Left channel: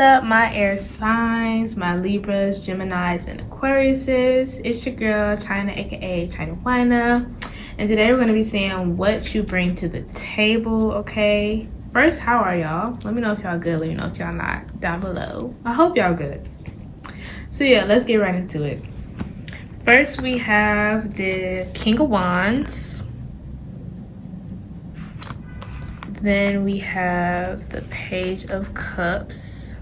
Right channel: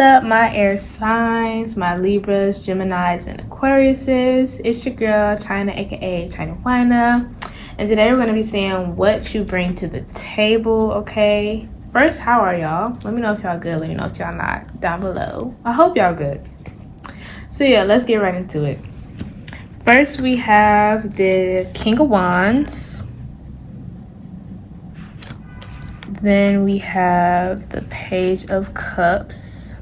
up, my air signs, my Libras, Geminis, and Aquariuses? It's your girl, China, aka China Wina. And today we're going to be seeing what you bring to the table, okay? First, how are y'all? Let me know if y'all good. Let me know if y'all not down below. I hope y'all good. So yeah, let's get right into it. First, we have the King of Wands. Then we have the Page of Cups.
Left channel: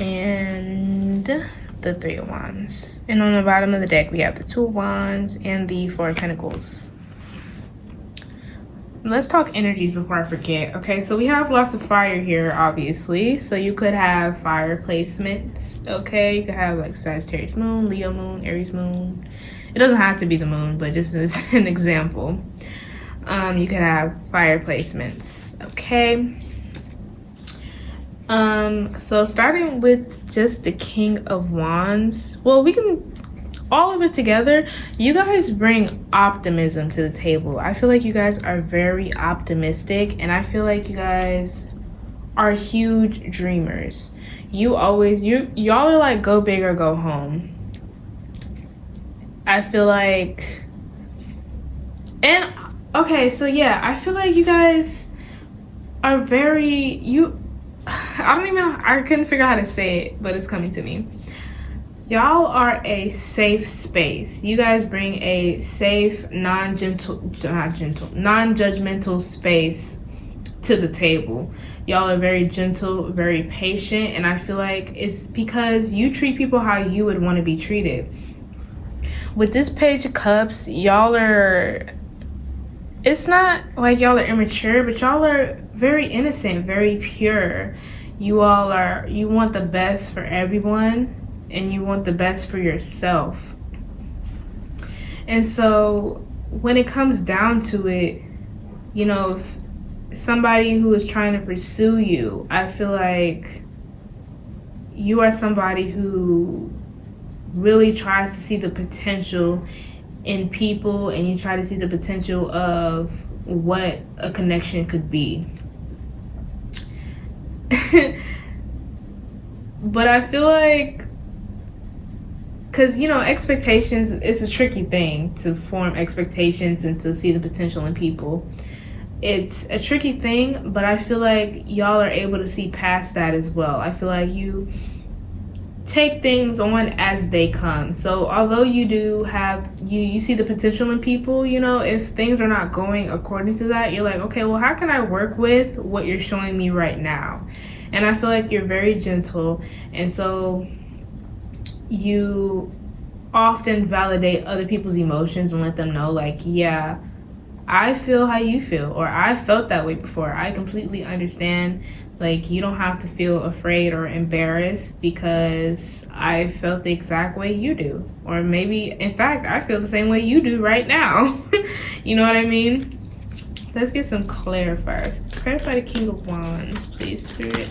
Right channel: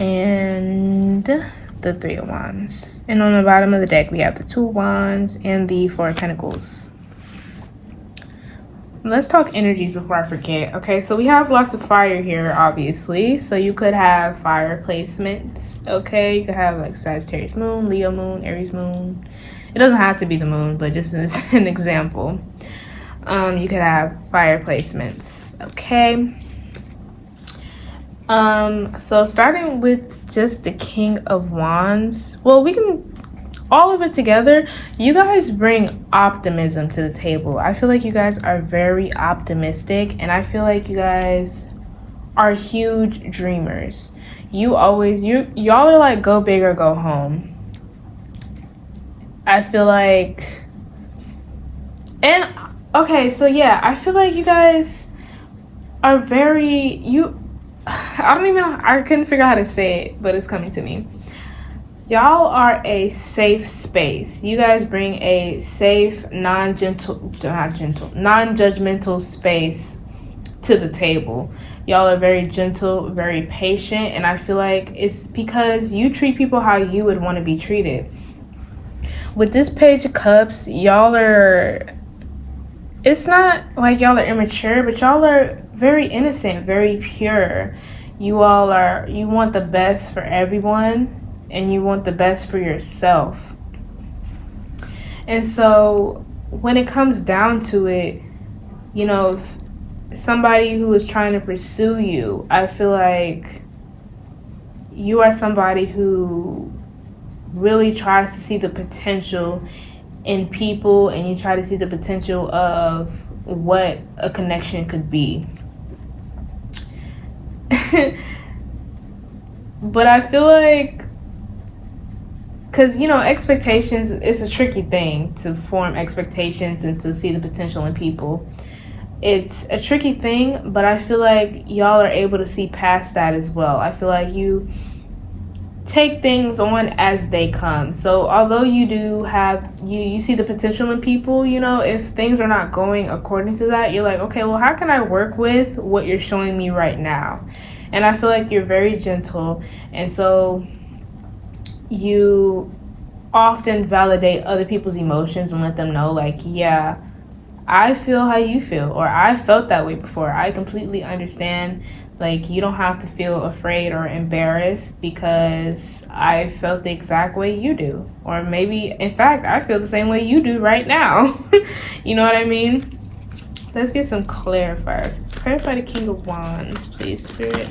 And the Three of Wands. And on the bottom of the deck, we have the Two of Wands and the Four of Pentacles. Let's talk energies before I forget. Okay, so we have lots of fire here, obviously. So you could have fire placements, okay? You could have like Sagittarius moon, Leo moon, Aries moon. It doesn't have to be the moon, but just as an example. You could have fire placements, okay? So starting with just the King of Wands. Well, we can all of it together. You guys bring optimism to the table. I feel like you guys are very optimistic, and I feel like you guys are huge dreamers. Y'all are like go big or go home. I feel like, and okay, so yeah, I feel like you guys are very, I couldn't figure out how to say it, but it's coming to me. Y'all are a safe space. You guys bring a safe, non-judgmental space to the table. Y'all are very gentle, very patient, and I feel like it's because you treat people how you would want to be treated. With this Page of Cups, y'all are, it's not like y'all are immature, but y'all are very innocent, very pure. You want the best for everyone. And you want the best for yourself. And so when it comes down to it, you know, somebody who is trying to pursue you, I feel like you are somebody who really tries to see the potential in people, and you try to see the potential of what a connection could be. But I feel like, because, you know, expectations, it's a tricky thing to form expectations and to see the potential in people. It's a tricky thing, but I feel like y'all are able to see past that as well. I feel like you take things on as they come. So although you do have, you see the potential in people, you know, if things are not going according to that, you're like, okay, well, how can I work with what you're showing me right now? And I feel like you're very gentle. And so you often validate other people's emotions and let them know, like, yeah, I feel how you feel, or I felt that way before. I completely understand. Like, you don't have to feel afraid or embarrassed because I felt the exact way you do. Or maybe, in fact, I feel the same way you do right now. You know what I mean? Let's get some clarifiers. Clarify the King of Wands, please, Spirit.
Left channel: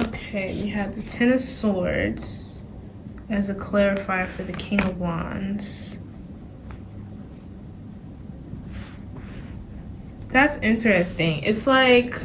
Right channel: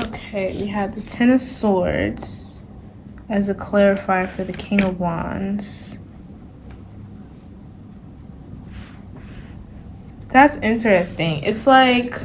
Okay, we have the Ten of Swords as a clarifier for the King of Wands. That's interesting. It's like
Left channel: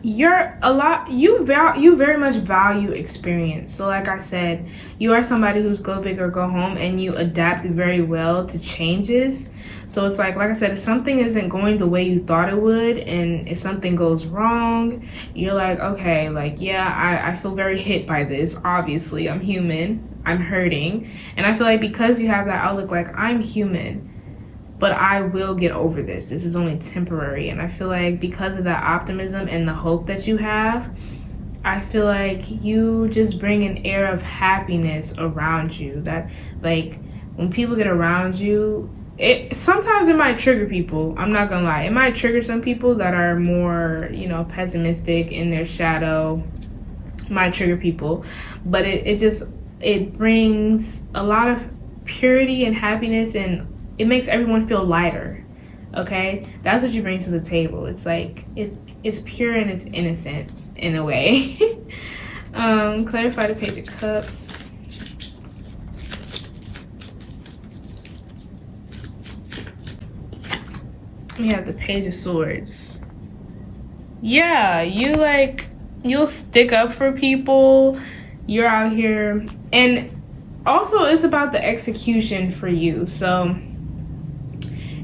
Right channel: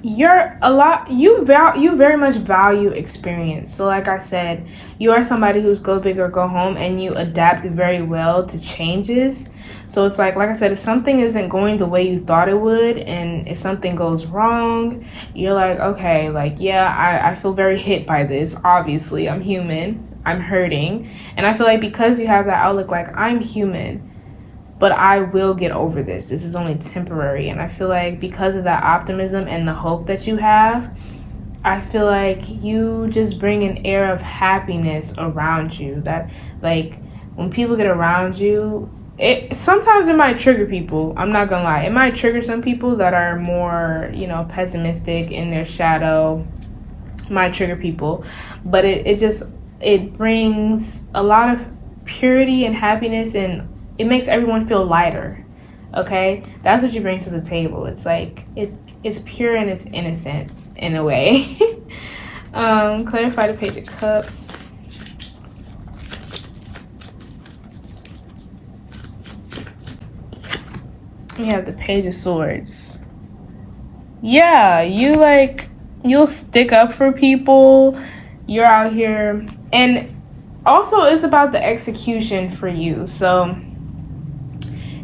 you very much value experience. So like I said, you are somebody who's go big or go home, and you adapt very well to changes. So it's like I said, if something isn't going the way you thought it would, and if something goes wrong, you're like, okay, like, yeah, I feel very hit by this. Obviously, I'm human. I'm hurting. And I feel like because you have that outlook, like, I'm human, but I will get over this. This is only temporary. And I feel like because of that optimism and the hope that you have, I feel like you just bring an air of happiness around you. That, like, when people get around you, sometimes it might trigger people. I'm not gonna lie. It might trigger some people that are more, you know, pessimistic in their shadow. Might trigger people. But it brings a lot of purity and happiness, and it makes everyone feel lighter. Okay? That's what you bring to the table. It's like, it's pure and it's innocent in a way. Clarify the Page of Cups. We have the Page of Swords. Yeah, you'll stick up for people. You're out here, and also it's about the execution for you. So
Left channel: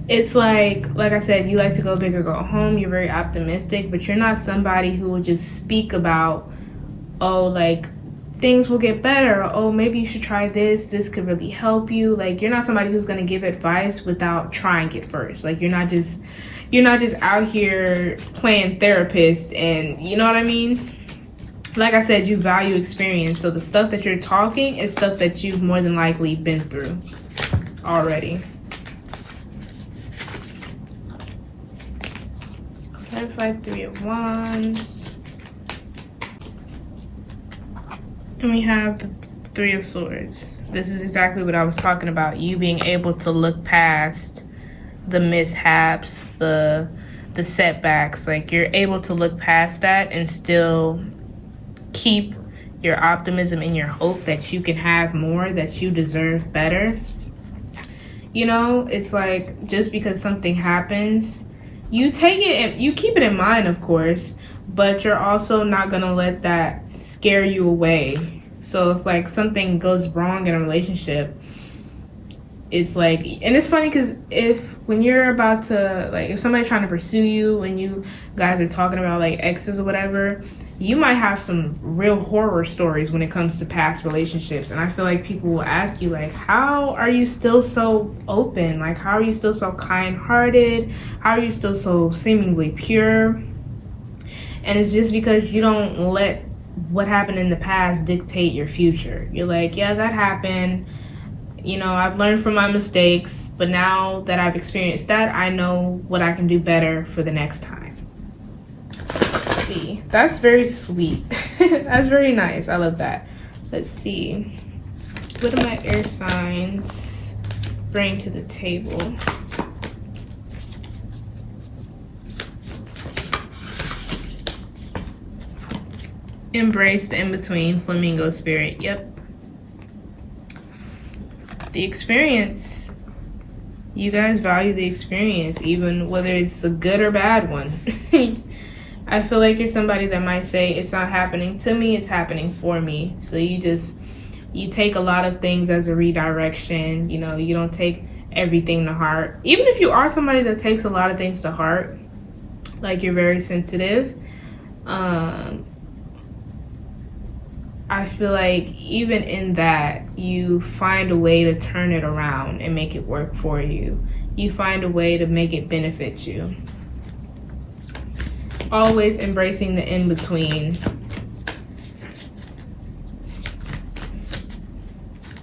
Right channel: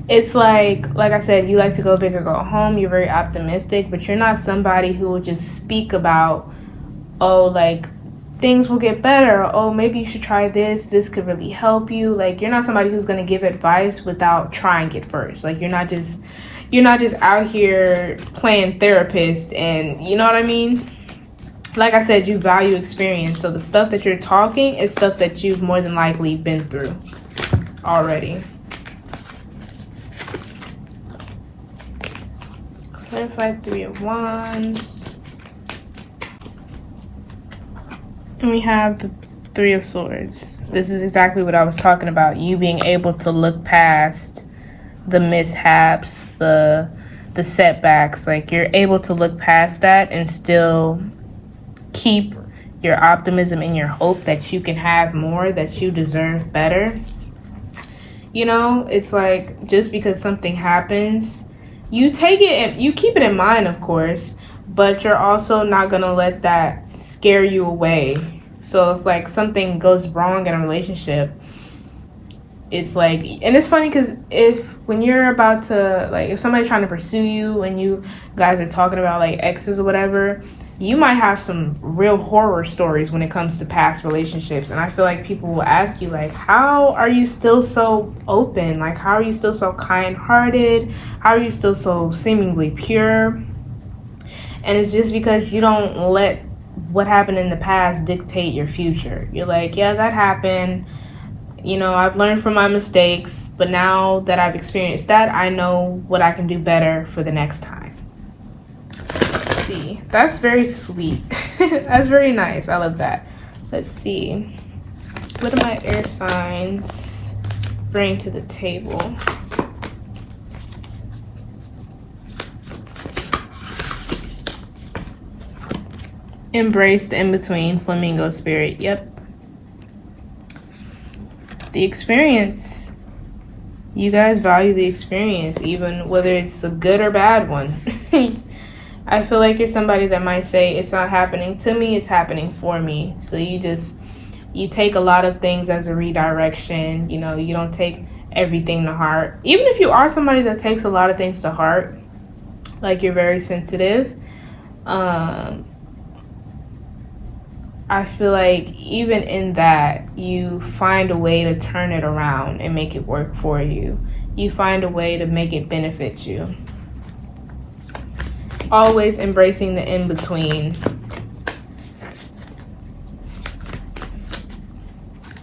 it's like I said, you like to go big or go home. You're very optimistic, but you're not somebody who will just speak about, oh, like, things will get better. Oh, maybe you should try this. This could really help you. Like, you're not somebody who's going to give advice without trying it first. Like, you're not just out here playing therapist, and you know what I mean? Like I said, you value experience. So the stuff that you're talking is stuff that you've more than likely been through already. Clarify 3 of Wands. And we have the 3 of Swords. This is exactly what I was talking about. You being able to look past the mishaps, the setbacks. Like, you're able to look past that and still keep your optimism and your hope that you can have more, that you deserve better. You know, it's like, just because something happens, you take it and you keep it in mind, of course, but you're also not gonna let that scare you away. So if like something goes wrong in a relationship, it's like, and it's funny because when you're about to, like, if somebody's trying to pursue you and you guys are talking about like exes or whatever, you might have some real horror stories when it comes to past relationships. And I feel like people will ask you, like, how are you still so open? Like, how are you still so kind-hearted? How are you still so seemingly pure? And it's just because you don't let what happened in the past dictate your future. You're like, yeah, that happened. You know, I've learned from my mistakes, but now that I've experienced that, I know what I can do better for the next time. Let's see. That's very sweet. That's very nice. I love that. Let's see. What do my air signs bring to the table? Embrace the in-between, flamingo spirit. Yep. The experience. You guys value the experience, even whether it's a good or bad one. I feel like you're somebody that might say, it's not happening to me, it's happening for me. So you take a lot of things as a redirection. You know, you don't take everything to heart. Even if you are somebody that takes a lot of things to heart, like you're very sensitive, I feel like even in that, you find a way to turn it around and make it work for you. You find a way to make it benefit you. Always embracing the in-between.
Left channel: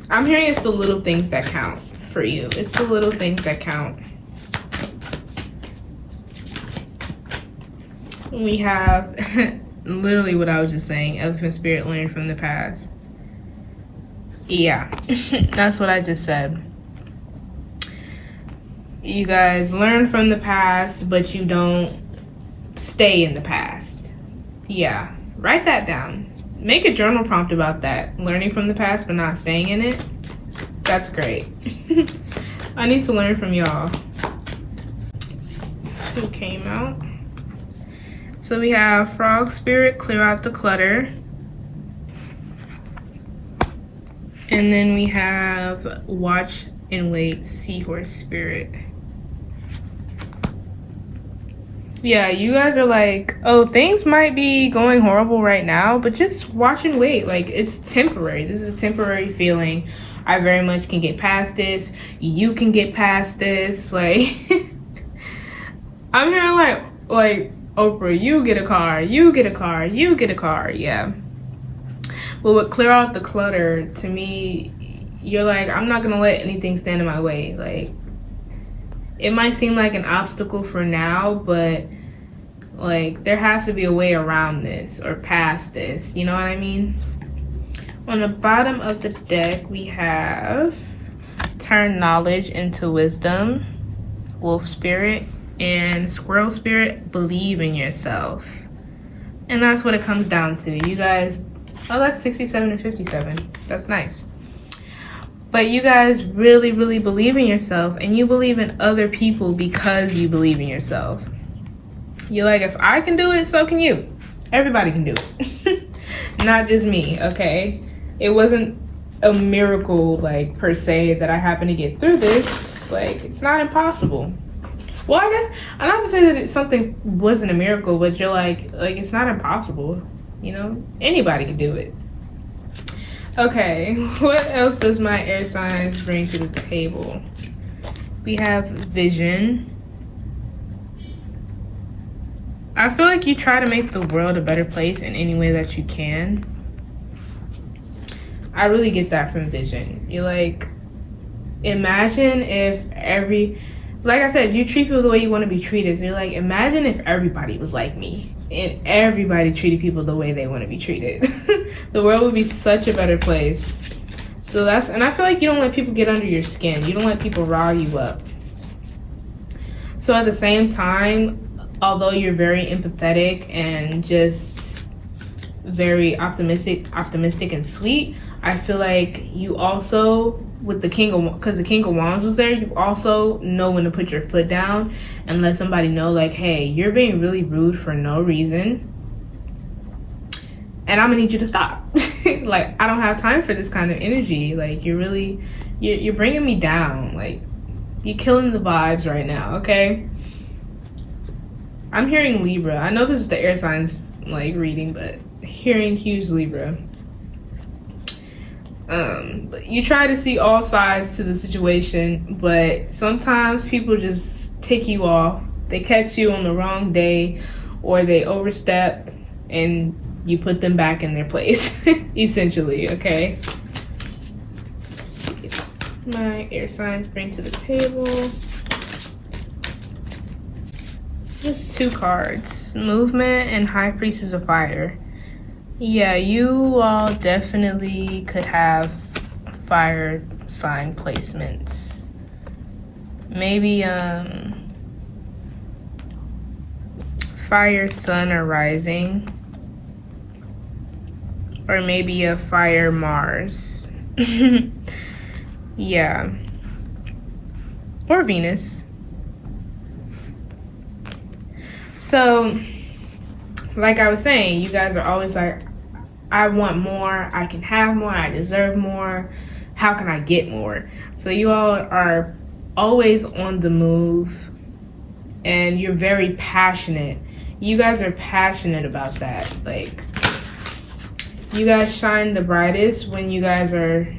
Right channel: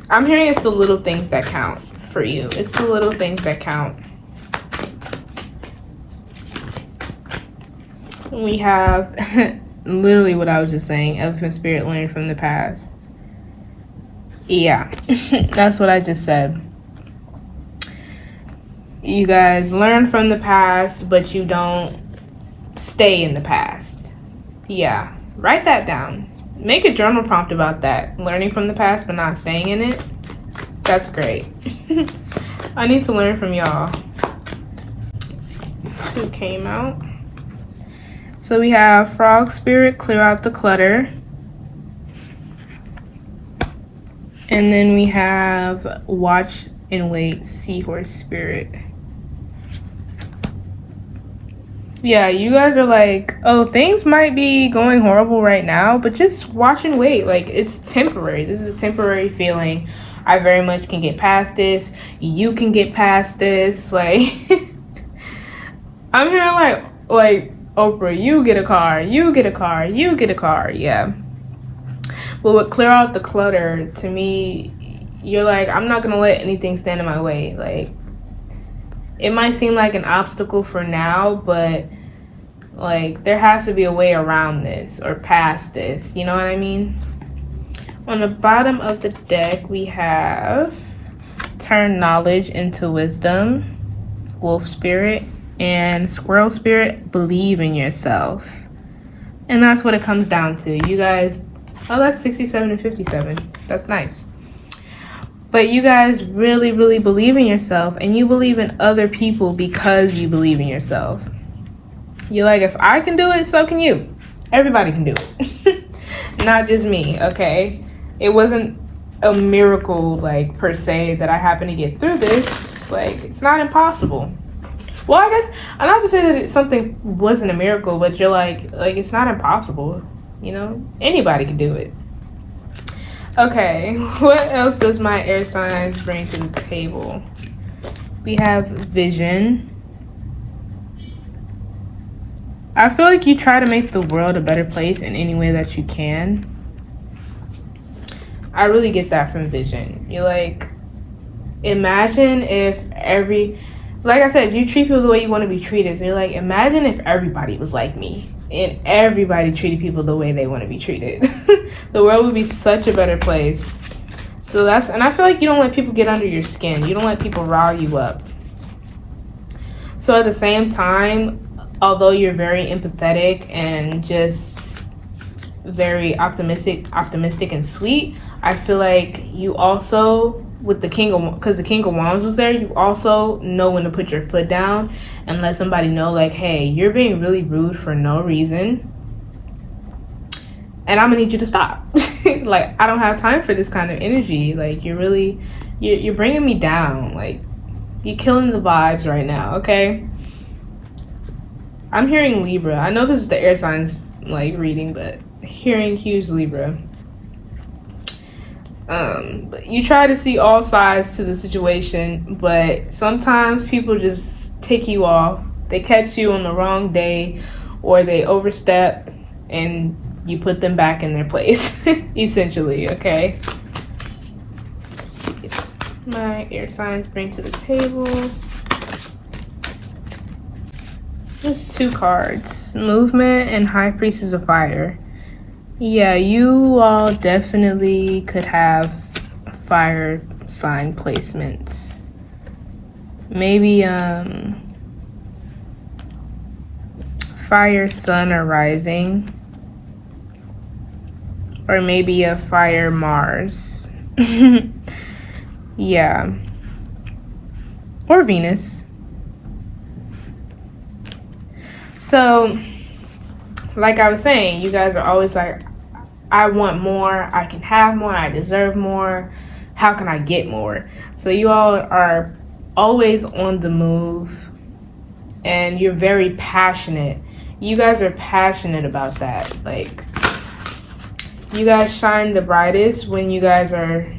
I'm hearing it's the little things that count for you. It's the little things that count. We have literally what I was just saying. Elephant spirit, learn from the past. Yeah, that's what I just said. You guys learn from the past, but you don't stay in the past. Yeah, write that down. Make a journal prompt about that. Learning from the past, but not staying in it. That's great. I need to learn from y'all. Who came out? So we have frog spirit, clear out the clutter. And then we have watch and wait, seahorse spirit. Yeah, you guys are like, oh, things might be going horrible right now, but just watch and wait. Like, it's temporary. This is a temporary feeling. I very much can get past this. You can get past this. Like, I'm hearing like, Oprah, you get a car, you get a car, you get a car. Yeah. But with clear out the clutter, to me, you're like, I'm not going to let anything stand in my way. Like, it might seem like an obstacle for now, but like, there has to be a way around this or past this. You know what I mean? On the bottom of the deck, we have turn knowledge into wisdom, wolf spirit, and squirrel spirit, believe in yourself. And that's what it comes down to. You guys, oh, that's 67 and 57. That's nice. But you guys really, really believe in yourself, and you believe in other people because you believe in yourself. You're like, if I can do it, so can you. Everybody can do it. Not just me, okay? It wasn't a miracle, like, per se, that I happened to get through this. Like, it's not impossible. Well, I guess, I'm not to say that something wasn't a miracle, but you're like, it's not impossible. You know? Anybody can do it. Okay, what else does my air signs bring to the table? We have vision. I feel like you try to make the world a better place in any way that you can. I really get that from vision. You're like, imagine if like I said, you treat people the way you want to be treated. So you're like, imagine if everybody was like me. And everybody treated people the way they want to be treated. The world would be such a better place. So and I feel like you don't let people get under your skin. You don't let people rile you up. So at the same time, although you're very empathetic and just very optimistic and sweet, I feel like you also, with the because the King of Wands was there, you also know when to put your foot down and let somebody know, like, hey, you're being really rude for no reason, and I'm gonna need you to stop. Like, I don't have time for this kind of energy. Like, you're bringing me down. Like, you're killing the vibes right now, okay? I'm hearing Libra. I know this is the air signs, like, reading, but hearing huge Libra. But you try to see all sides to the situation, but sometimes people just tick you off. They catch you on the wrong day, or they overstep, and you put them back in their place, essentially, okay? Let's see what my air signs bring to the table. Just 2 cards. Movement and High Priestess of Fire. Yeah, you all definitely could have fire sign placements. Maybe fire sun or rising, or maybe a fire Mars. Yeah, or Venus. So like I was saying, you guys are always like, I want more, I can have more, I deserve more, how can I get more? So you all are always on the move, and you're very passionate. You guys are passionate about that. Like, you guys shine the brightest when you guys are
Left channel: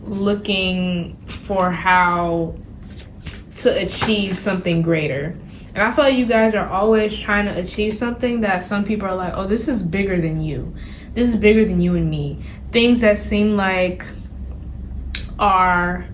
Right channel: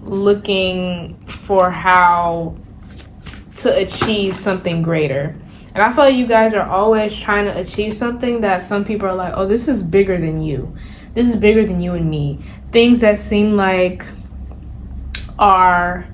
looking for how to achieve something greater. And I feel like you guys are always trying to achieve something that some people are like, oh, this is bigger than you. This is bigger than you and me. Things that seem like are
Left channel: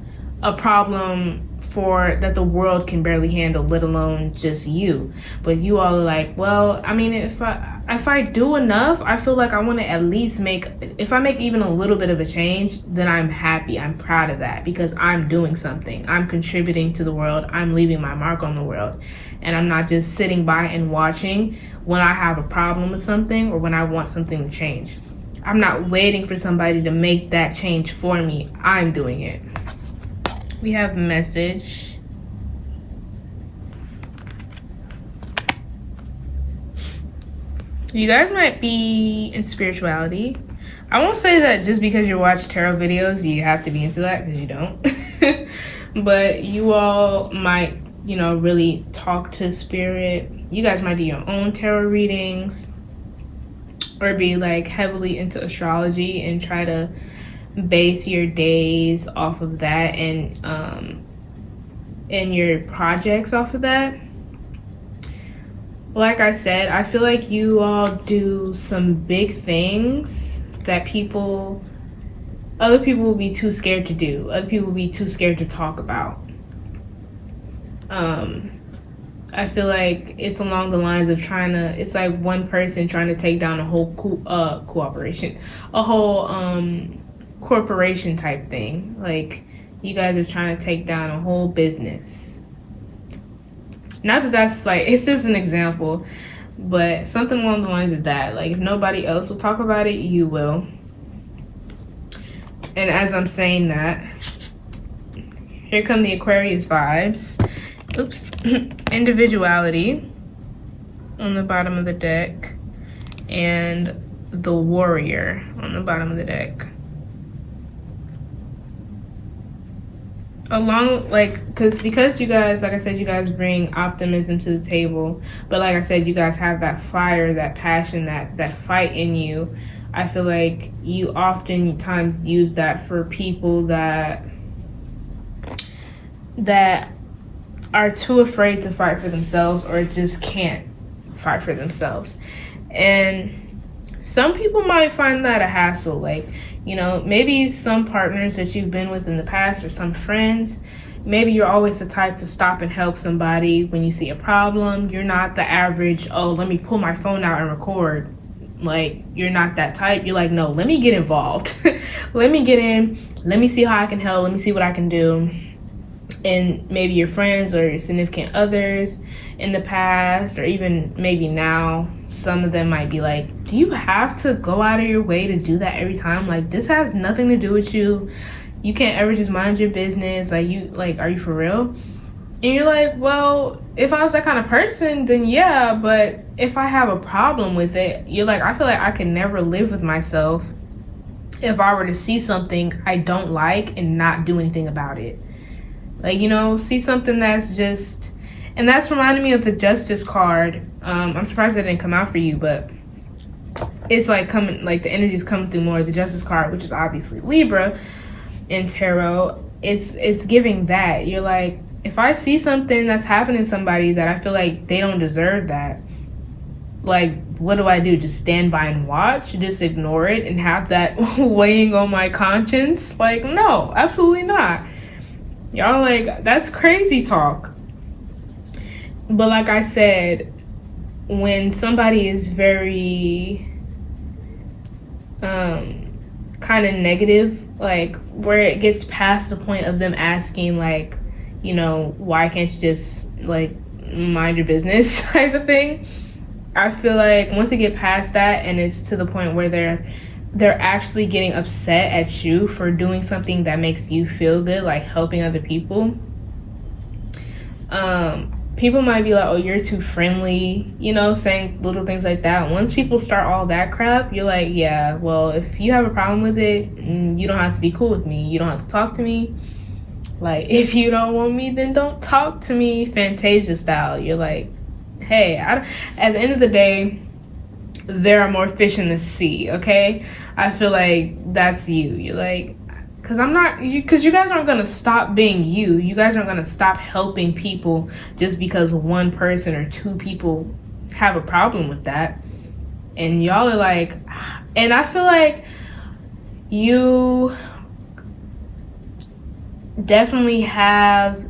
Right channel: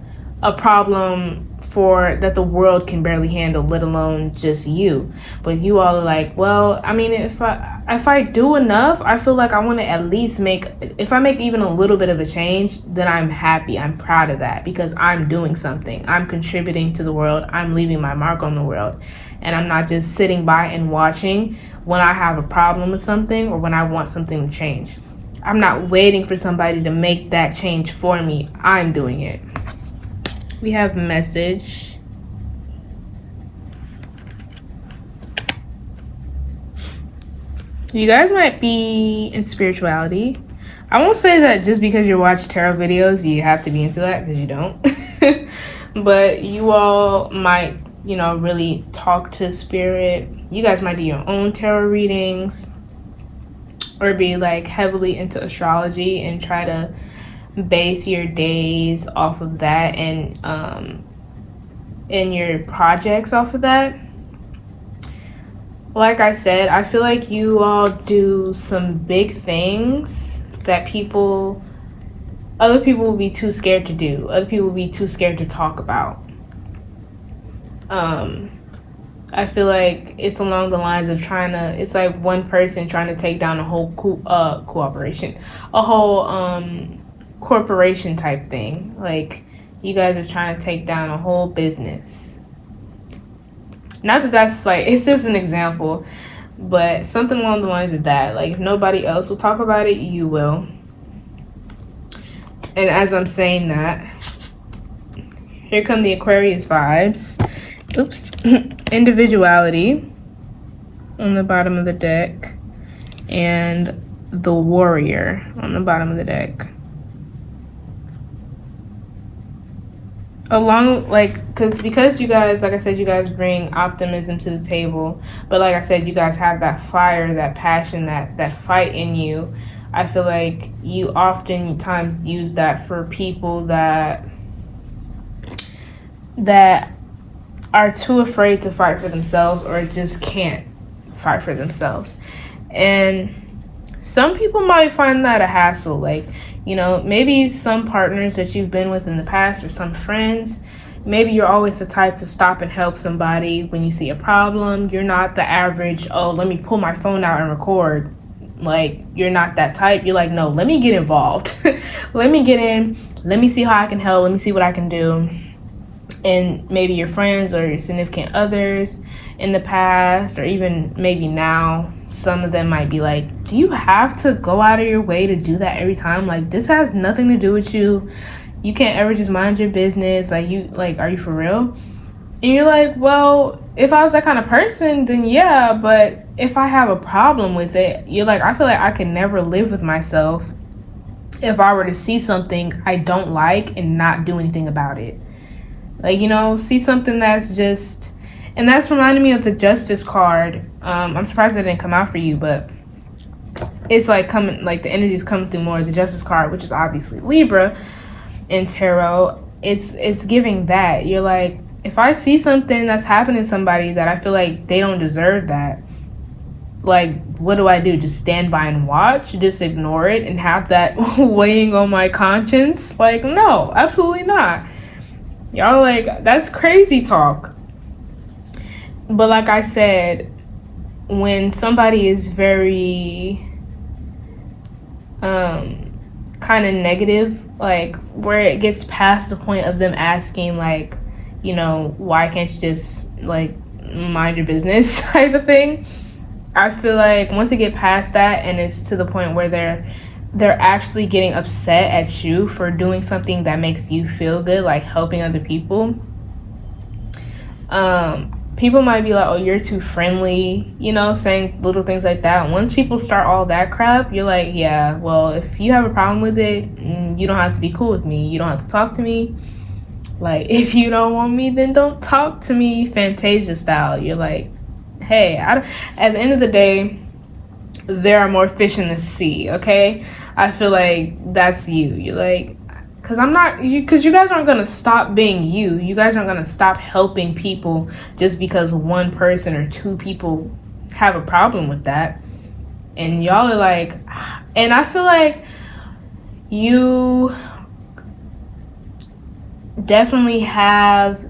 a problem that the world can barely handle, let alone just you. But you all are like, well, I mean, if I do enough, I feel like I want to at least if I make even a little bit of a change, then I'm happy. I'm proud of that because I'm doing something. I'm contributing to the world. I'm leaving my mark on the world. And I'm not just sitting by and watching when I have a problem with something or when I want something to change. I'm not waiting for somebody to make that change for me. I'm doing it. We have message. You guys might be in spirituality. I won't say that just because you watch tarot videos, you have to be into that, because you don't. But you all might, really talk to spirit. You guys might do your own tarot readings, or be like heavily into astrology and try to base your days off of that, and your projects off of that. Like I said, I feel like you all do some big things that other people will be too scared to do. Other people will be too scared to talk about. I feel like it's along the lines of it's like one person trying to take down a whole corporation type thing. Like, you guys are trying to take down a whole business. Not that that's like, it's just an example, but something along the lines of that. Like, if nobody else will talk about it, you will. And as I'm saying that, here come the Aquarius vibes. Oops. Individuality on the bottom of the deck, and the Warrior on the bottom of the deck. Along, like, because you guys, like I said, you guys bring optimism to the table, but like I said, you guys have that fire, that passion, that fight in you. I feel like you oftentimes use that for people that are too afraid to fight for themselves, or just can't fight for themselves. And some people might find that a hassle. Like, you know, maybe some partners that you've been with in the past, or some friends, maybe you're always the type to stop and help somebody when you see a problem. You're not the average, oh, let me pull my phone out and record. Like, you're not that type. You're like, no, let me get involved. Let me get in. Let me see how I can help. Let me see what I can do. And maybe your friends or your significant others in the past, or even maybe now, some of them might be like, do you have to go out of your way to do that every time? Like, this has nothing to do with you. You can't ever just mind your business. Are you for real? And you're like, well, if I was that kind of person, then yeah, but if I have a problem with it, you're like, I feel like I could never live with myself if I were to see something I don't like and not do anything about it. Like, you know, see something that's just, and that's reminding me of the Justice card. I'm surprised that didn't come out for you, but it's like coming, like the energy's coming through more. The Justice card, which is obviously Libra in tarot, it's giving that. You're like, if I see something that's happening to somebody that I feel like they don't deserve that, like, what do I do? Just stand by and watch? Just ignore it and have that weighing on my conscience? Like, no, absolutely not. Y'all, like, that's crazy talk. But like I said, when somebody is very kind of negative, like where it gets past the point of them asking, like, you know, why can't you just like mind your business type of thing, I feel like once they get past that and it's to the point where they're actually getting upset at you for doing something that makes you feel good, like helping other people, people might be like, oh, you're too friendly, you know, saying little things like that. Once people start all that crap, you're like, yeah, well, if you have a problem with it, you don't have to be cool with me. You don't have to talk to me. Like, if you don't want me, then don't talk to me, Fantasia style. You're like, hey, at the end of the day, there are more fish in the sea, okay? I feel like that's you. You're like, because you guys aren't going to stop being you. You guys aren't going to stop helping people just because one person or two people have a problem with that. And y'all are like, and I feel like you definitely have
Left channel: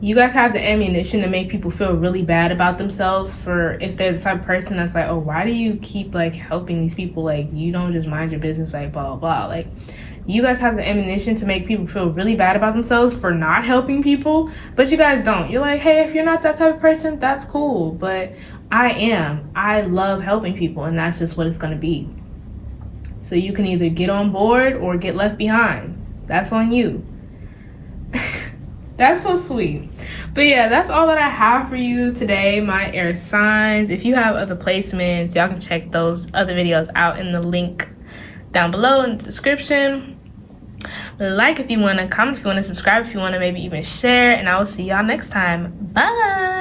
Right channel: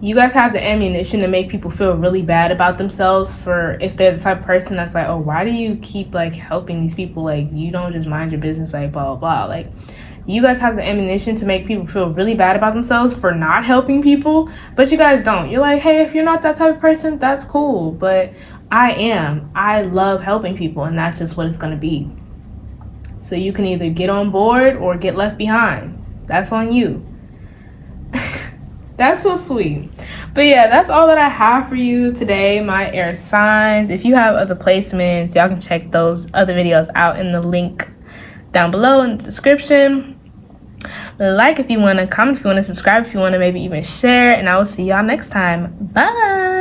you guys have the ammunition to make people feel really bad about themselves, for if they're the type of person that's like, oh, why do you keep like helping these people? Like, you don't just mind your business, like blah, blah, blah. Like, you guys have the ammunition to make people feel really bad about themselves for not helping people, but you guys don't. You're like, hey, if you're not that type of person, that's cool, but I love helping people, and that's just what it's going to be. So you can either get on board or get left behind. That's on you. That's so sweet. But yeah, that's all that I have for you today, my air signs. If you have other placements, y'all can check those other videos out in the link down below in the description. Like if you want to, comment if you want to, subscribe if you want to, maybe even share, and I will see y'all next time. Bye.